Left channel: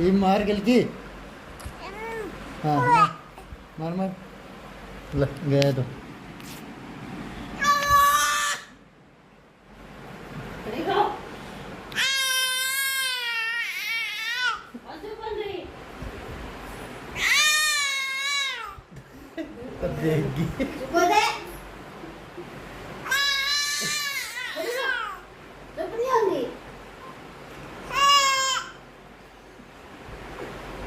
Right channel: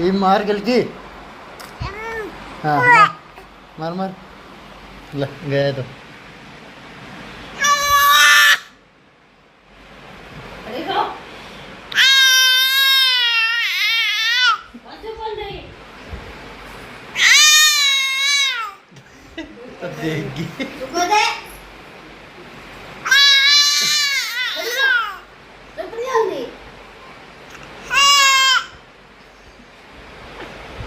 ये मार गलती। हाँ मार मार ले गया तो तब देगी।